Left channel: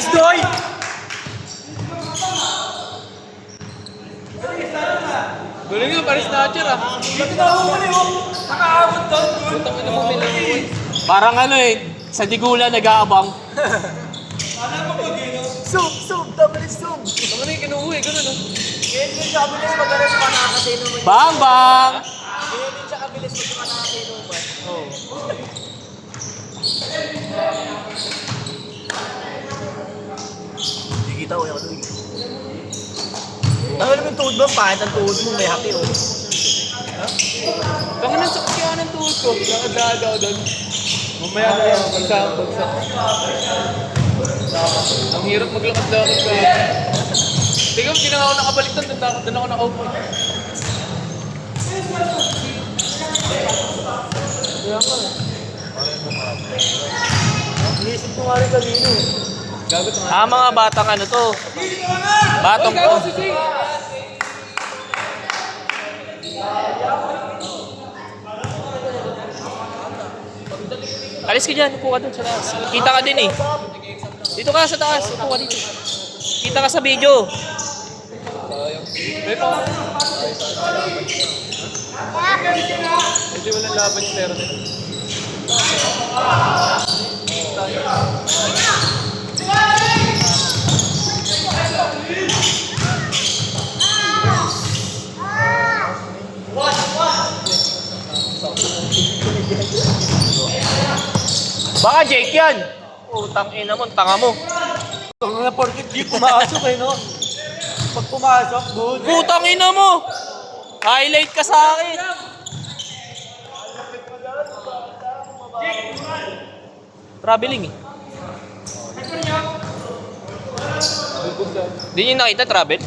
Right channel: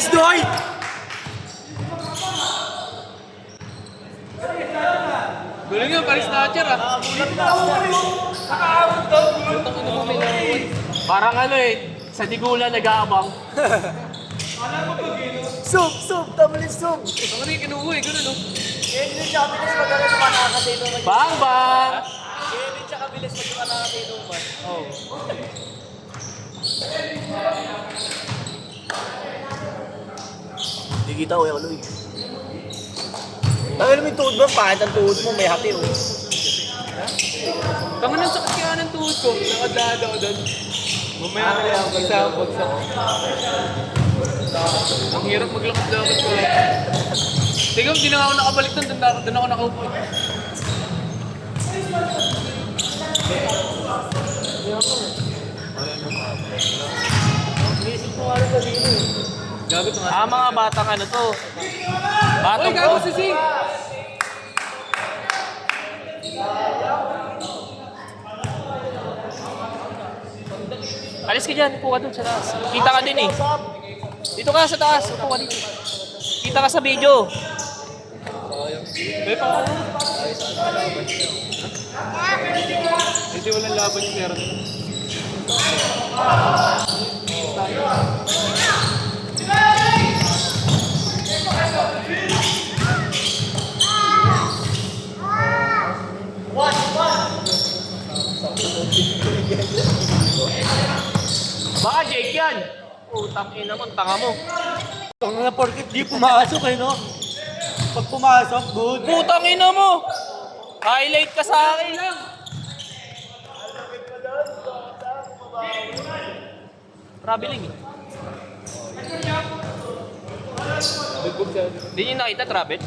Nice, Doy! Galing nga, Paris Snatcher ah. Lutang ina mo, Miloy. Parang ano eh, sa Digula nag-aabang. Sug, double sug. Ano yung kinuuwi, gano'n no? Hindi siya kabilis mag-aral pa nakakasino mag- Bang, bang! Hindi siya kabilis mag-nakakasino ba? Oo. Hindi kita ko yung ano eh. Dahil may tuhod mo, pahit ang tuhod mo, may hati oh. Tangan ng sakit kaya ng tuhod ko. Nakadada ako doon. Mamaya na lang, isang bagsak. Ang hirap maglakad-lakad ko. Tingnan, hindi na ako nakabalik doon. Doon ako nakaupo. Naisip ko nga rin sabihin eh. Gagot na. Ah, mga batang ano to? Batang Uy, gago si Sing! Alis ka dyan, upo ka dun sa taas. Kita ka din eh. Dito ka sa taas, upo ka dito. Kita ka sa video. May pa ako. Hindi walang laban yung pero. Baka Jake yan. Utang ina mo, tanga mo. Ang na porkit di pumasok eh, no? Pag pumasok, good. Utang ina mo. Highlight ka sa akin. Traveling eh. Di niyo nakita travel?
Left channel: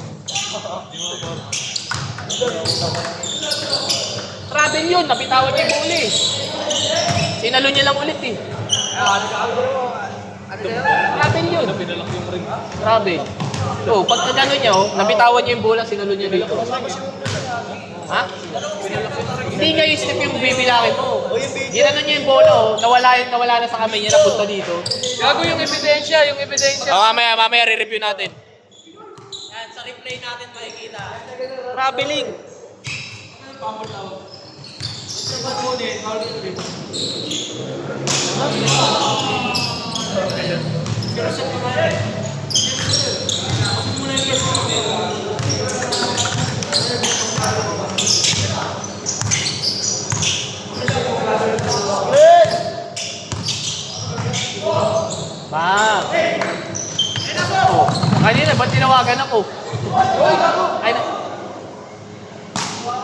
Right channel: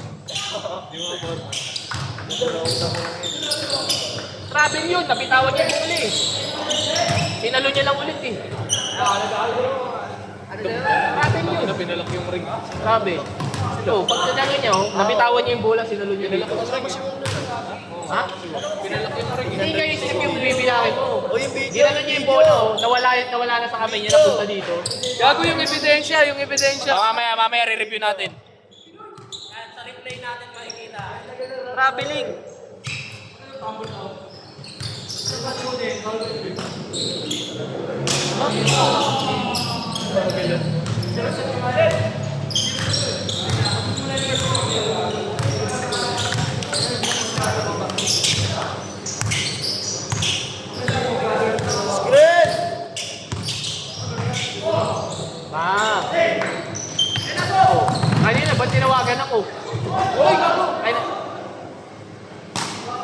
Travel yun, napitawan niya yung uli. Sinalo niya lang ulit eh. Travel yun. Pinalak yung ring. Grabe. Oh, pag nanalo niya, oh, napitawan niya yung bola, sinalo niya dito. Ha? Hindi niya yung snap yung bibilangin mo. Ginano niya yung bola, oh, nawala na sa kamay niya, napunta dito. Gago yung ebidensya, Mamaya re-review natin. Sa replay natin makikita. Traveling. Kanina, ba't tinawagan ako? Ay,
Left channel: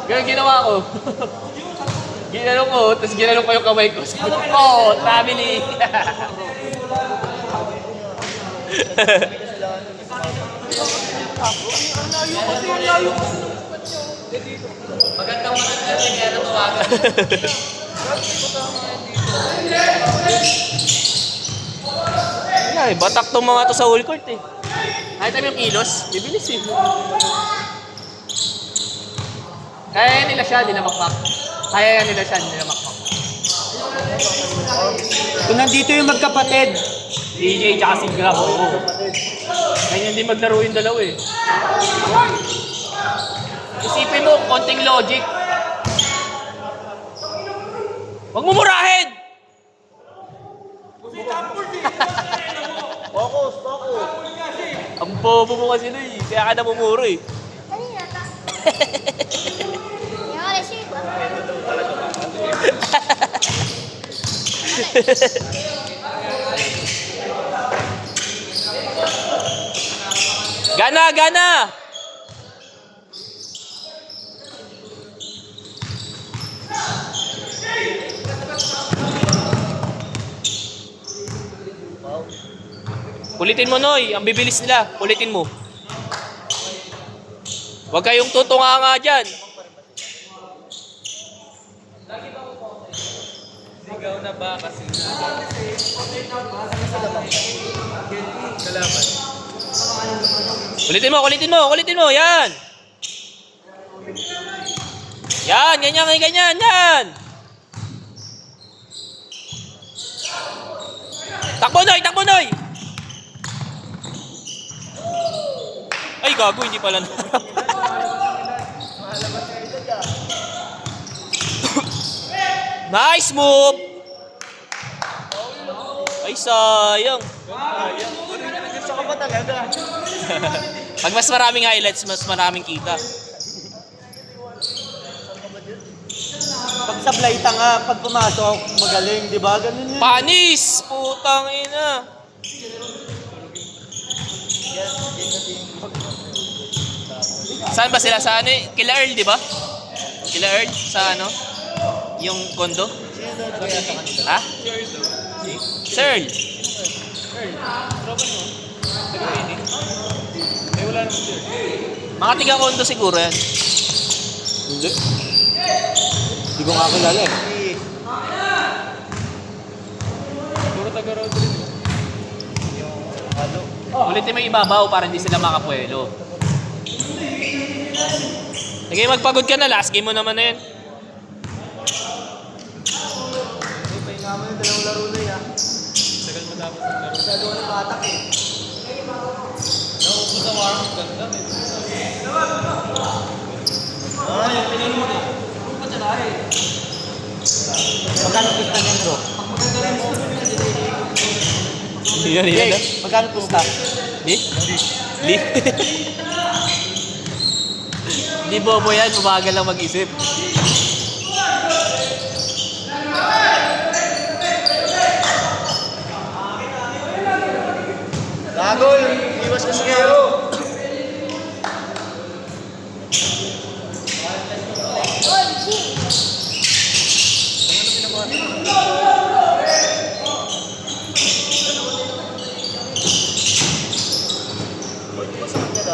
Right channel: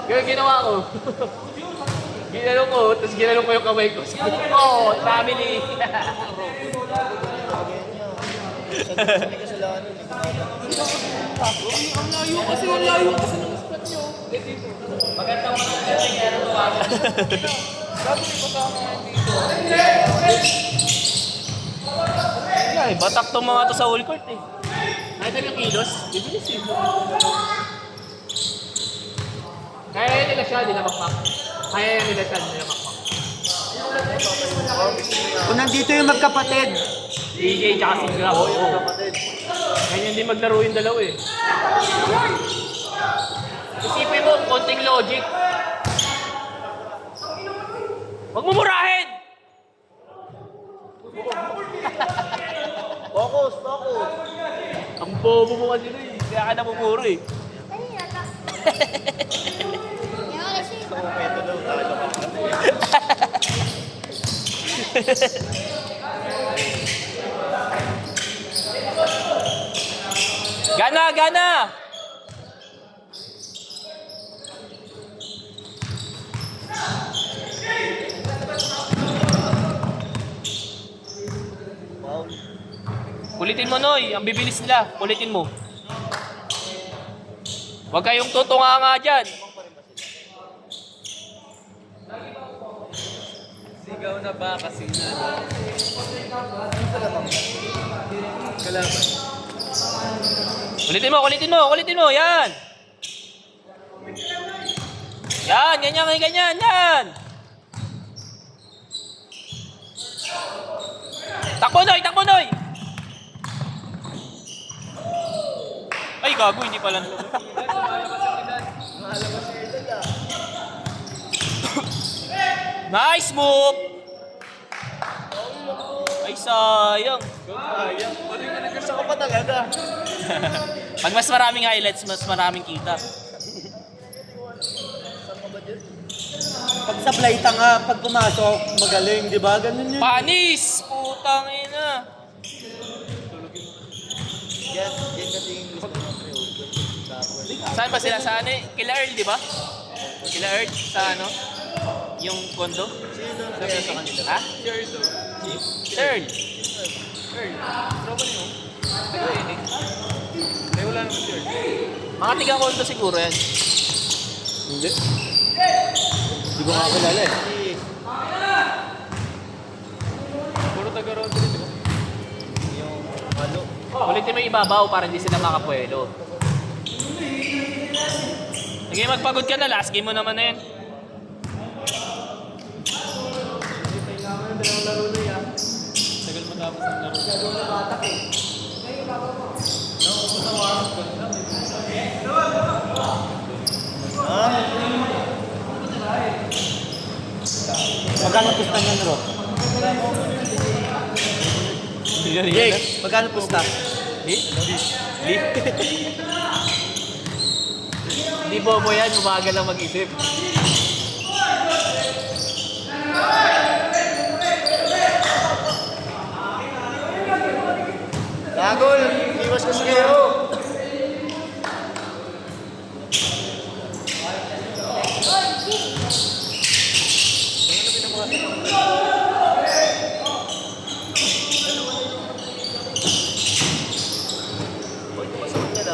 Yung ginawa ko. Ginano ko, tapos ginano ko yung kamay ko. Sabi ko, oh, family. Magandang kaya na tawagan. Ay, batak tong mga to sa whole court eh. Kahit tayo yung kilos, bibilis eh. Kaya nila siya, di na makmak. Kaya nila siya, di na makmak. Kung nandito yung magkapatid, DJ tsaka si Grab. Ganyan din maglaro yung dalawa eh. Isipin mo, konting logic. Huwag mo murahin! Focus. Ang bobo mo kasi na eh. Kaya ka namumuro eh. Kanina ta. Yan wala siya. Gana! Kulitin mo, Noy. Ang bibilis nila. Kulitin mo. Huwag kayong tutunga nga dyan. Sigaw na ba kasi Kulitin mo. Yan. Ganyan. Takbo, Noy. Ay, gago, hindi pala. Nice move! Ay, sayang. Gusto ka pa talaga. Pag mas maraming highlights, mas maraming kita. Pag sablay tanga, pag pumasok, magaling, di ba? Ganun yun. Panis! Putang ina. Saan ba sila? Sa ano eh? Kila Earl, di ba? Kila Earl, sa ano? Yung kondo? Ha? Si Earl daw. Si Earl. Earl. Tropa niyo. Taga ini. Eh, wala naman si Earl. Mga tiga-kondo siguro yan. Hindi. Hindi ko nga kilala eh. Puro taga-road rin, di ba? Ulitin mo yung ibabaw para hindi sila makapuelo. Sige, magpagod ka na. Last game mo naman na yan. Naman yung dalawang laro na yan. Tagal mo tapos ang laro. Gagawa ng batak eh. Naubos ang warang ganda. Magkano pista niyan bro? Yan, Jake, magkano pista? Di? Di? Di bobo yan. Umaga lang mag-isip. Gagol! Iwas kasi kayo!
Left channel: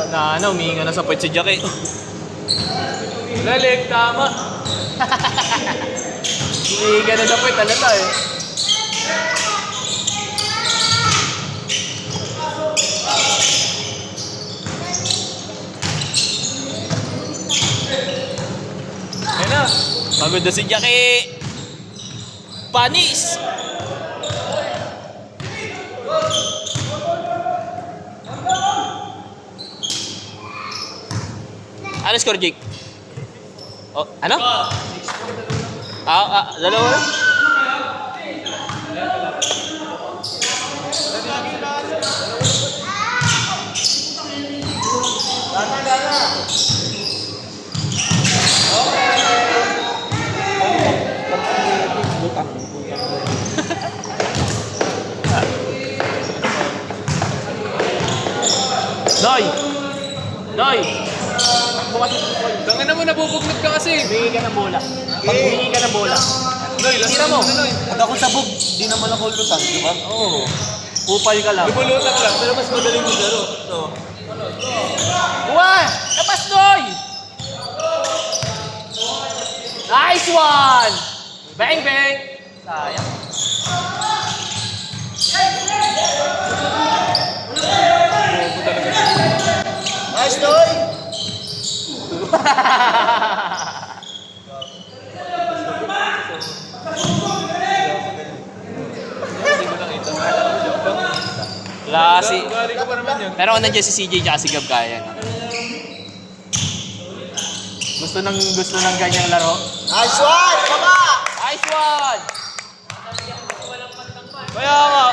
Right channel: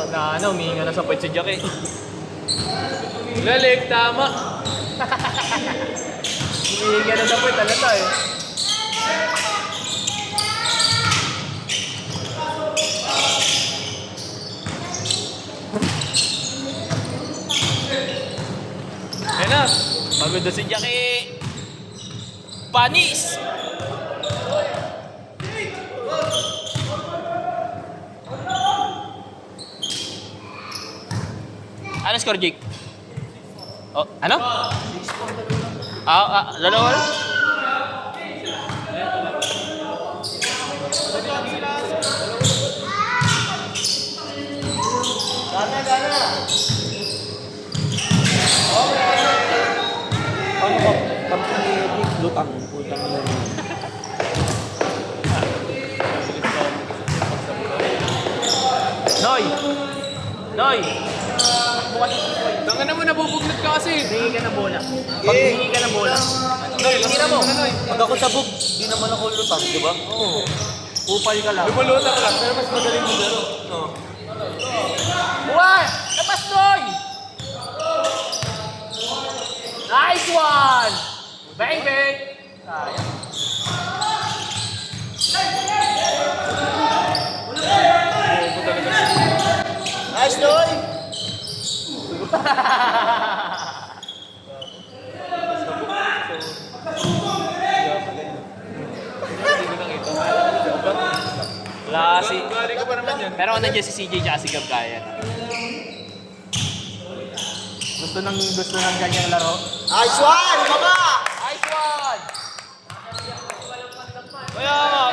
Na ano, huminga na sa puwet si Jack eh. Lalig, tama. Huminga na sa puwet, alata eh. Yan na. Pagod na si Jack eh. Panis! Ano score, Jake? Oh, ano? Dalawa na? Noy! Noy! Tanga naman, nabubugnot ka kasi. Hingi ka ng bola. Pag hingi ka ng bola. Noy, last Tira mo. mo. Noy. Pag ako sabog, di naman ako lutan, di ba? Oo. Upal ka lang. Lumulutang lang. Pero mas madaling maglaro. No. One! Labas, Noy! Nice one! Bang, bang! Sayang. Bobo talaga siya. Nice, Noy! Hindi ko nakita. Wala kasi. Bali ko pa naman yan. Pero kung nandiyan si CJ tsaka si Gab kaya. Gusto ng ganyang laro. Nice one! Tama! Nice one! Kaya nga,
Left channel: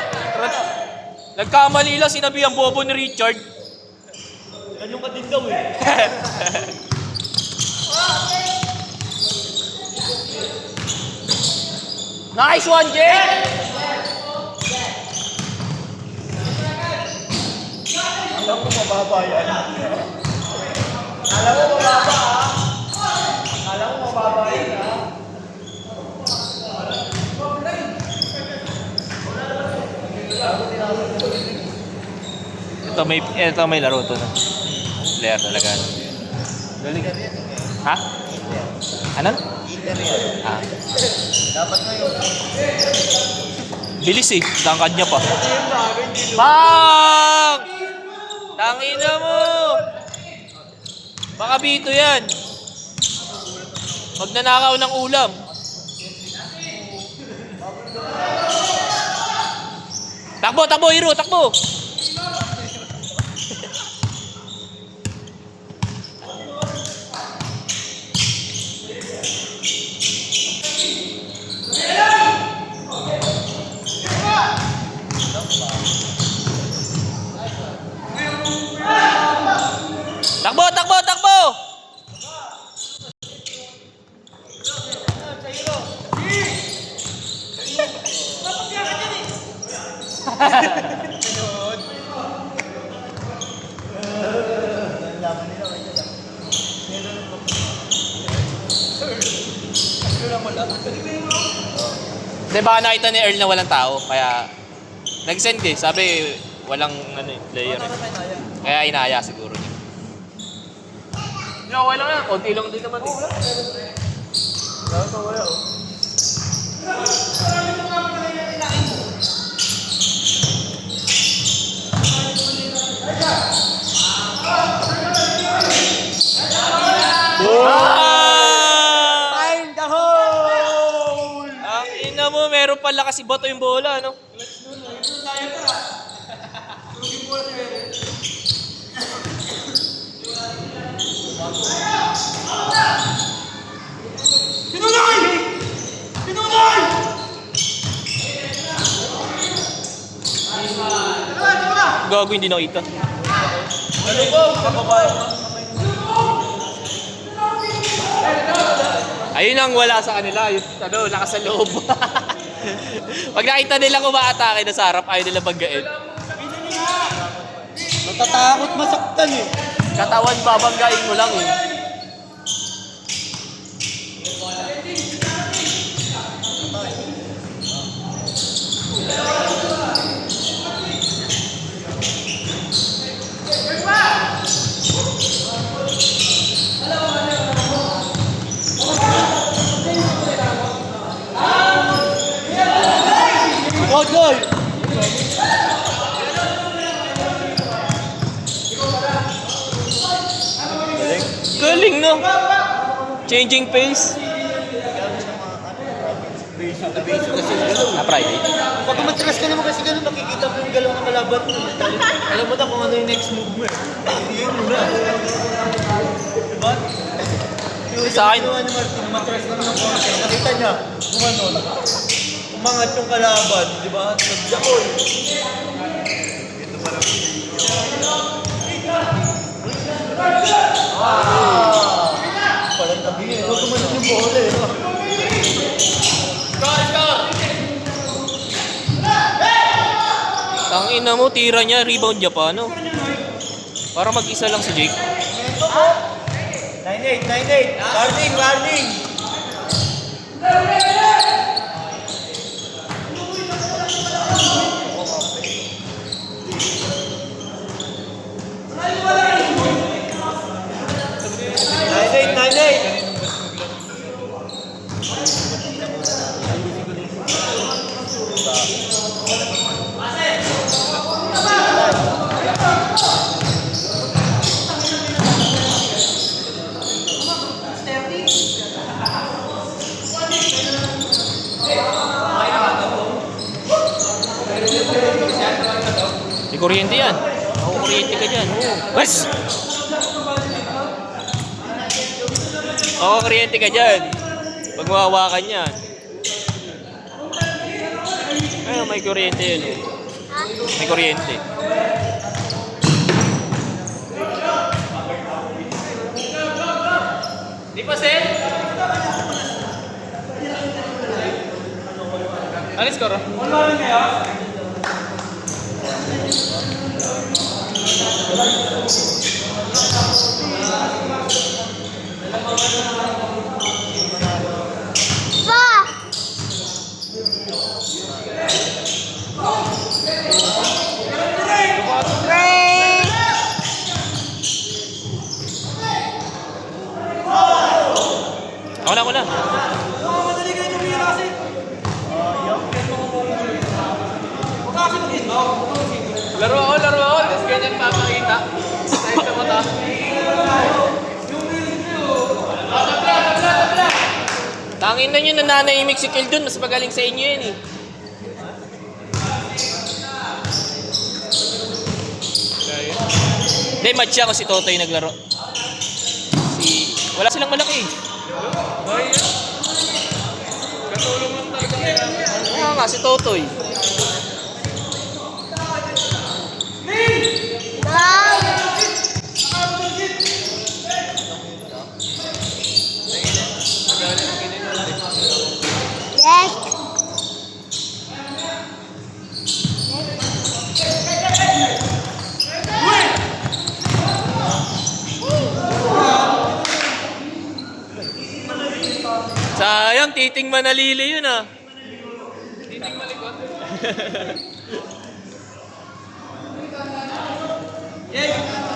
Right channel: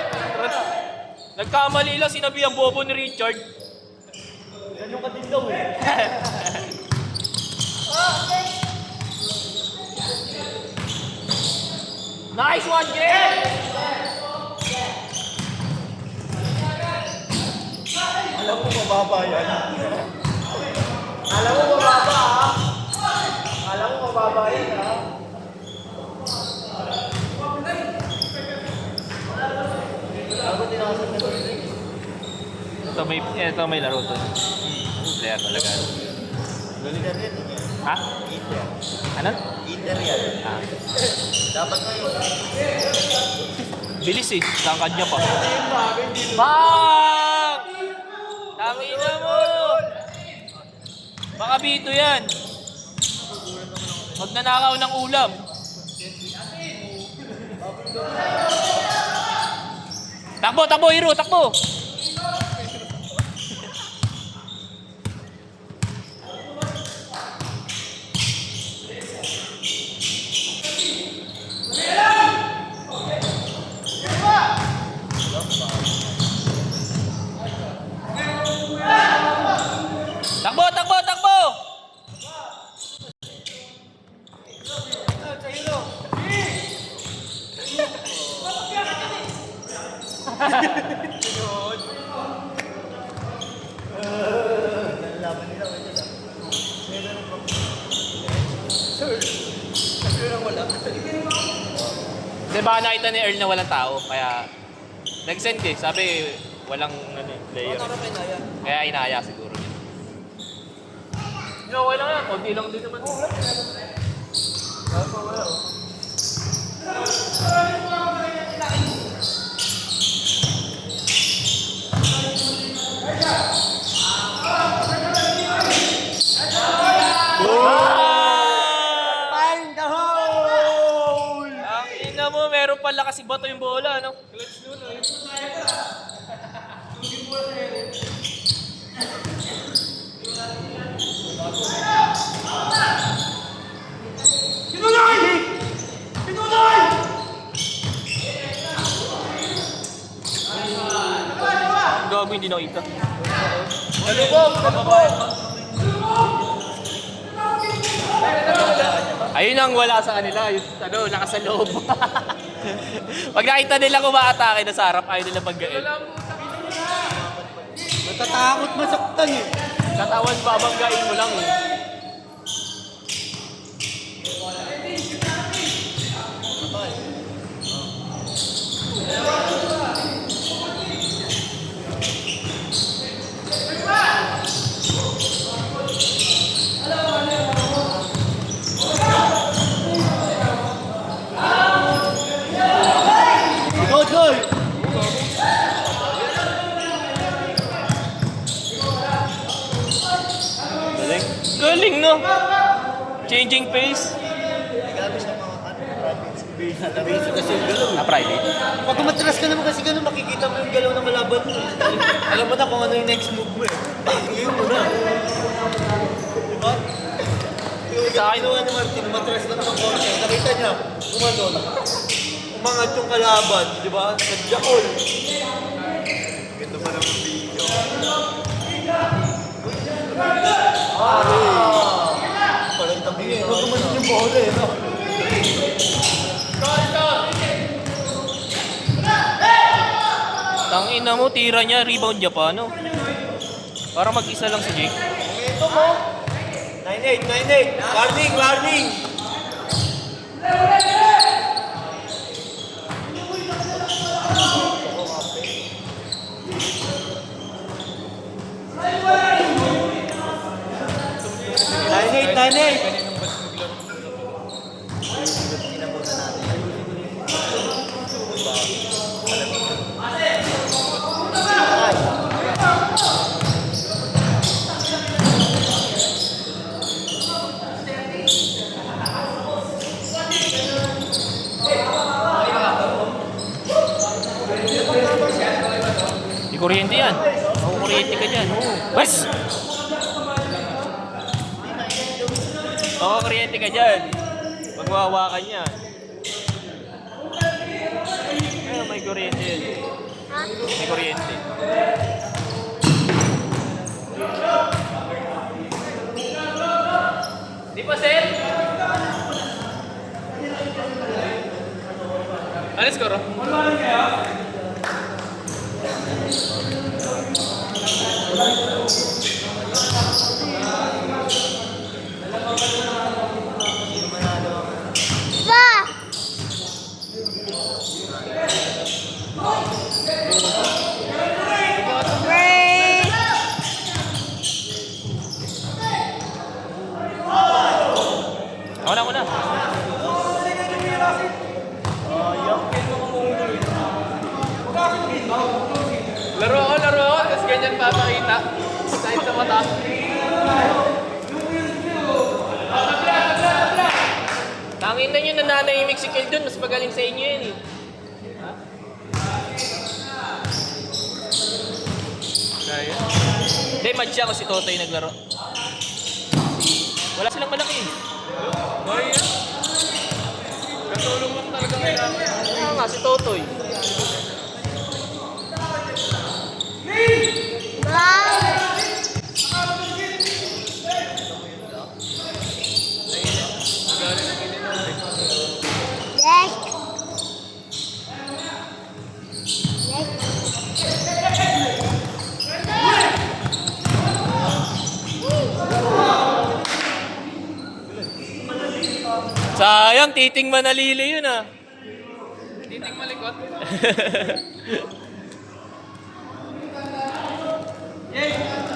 nagkamali lang sinabi ang bobo ni Richard. Ganyan ka din daw eh. Nice one, Jay! Alam mo mababa yan. Alam mo mababa ha? Alam mo mababa yan ha? Ito may laro to. Player talaga. Galing ka din. Ha? Ano? Inter yan. Ah. Dapat na yun. Bilis eh. Tangkad niya pa. Bang! Tangina mo! Baka bito yan. Magnanakaw ng ulam. Takbo, takbo, Hiro, takbo! Takbo, takbo, takbo! Di ba nakita ni Earl na walang tao? Kaya nag-send eh. Sabi walang player. Kaya inaya siguro niya. Okay lang yan. Kunti lang din naman. Find the hole! Ang ina mo, meron pala kasi bato yung bola, no? Gago, hindi nakita. Ayun ang wala sa kanila, yung lakas sa loob. Pag nakita nila kumaatake na sa harap, ayaw nila banggain. Natatakot masaktan eh. Katawan babanggain mo lang eh. Go, Joy! Galing, no? Changing pace. Private. Pag umatras ka naman kasi gano'n, makikita mo yung galaw ng kalaban mo. Alam mo na kung ano yung next move mo eh. Ngayon mo na. Diba? Sa akin, Ano Martin, umatras naman ng konti. Nakita niya, kumano, umangat yung kalaban, di ba? Nag-jackal. Parang tabi eh. Huwag kumanin yung bola eh. tangina mo, tira niya, rebound niya pa, no? Para mag-isa lang si Jake. 9-8, 9-8. Warning, warning. Di kuryente yan. Ako kuryente ka dyan. Oo. Wes! Oo, kuryente ka dyan. Pag mawawakan yan. Ayun, may kuryente yun. May kuryente. Di pa, Sen? Alis ko, Ro. Ako na. Laro ako. Tapos ganyan papakita. Side sa mata. Tangin na nyo, nananahimik si Kel dun. Mas magaling sa inyo yan eh. Hindi, match siya kung si Totoy naglaro. Wala silang malaki eh. Ay, yan. Katulong lang talaga kailangan. Kaya nga, si Totoy. Sayang, titing manalili yun ah. Titing malikot. Yeah.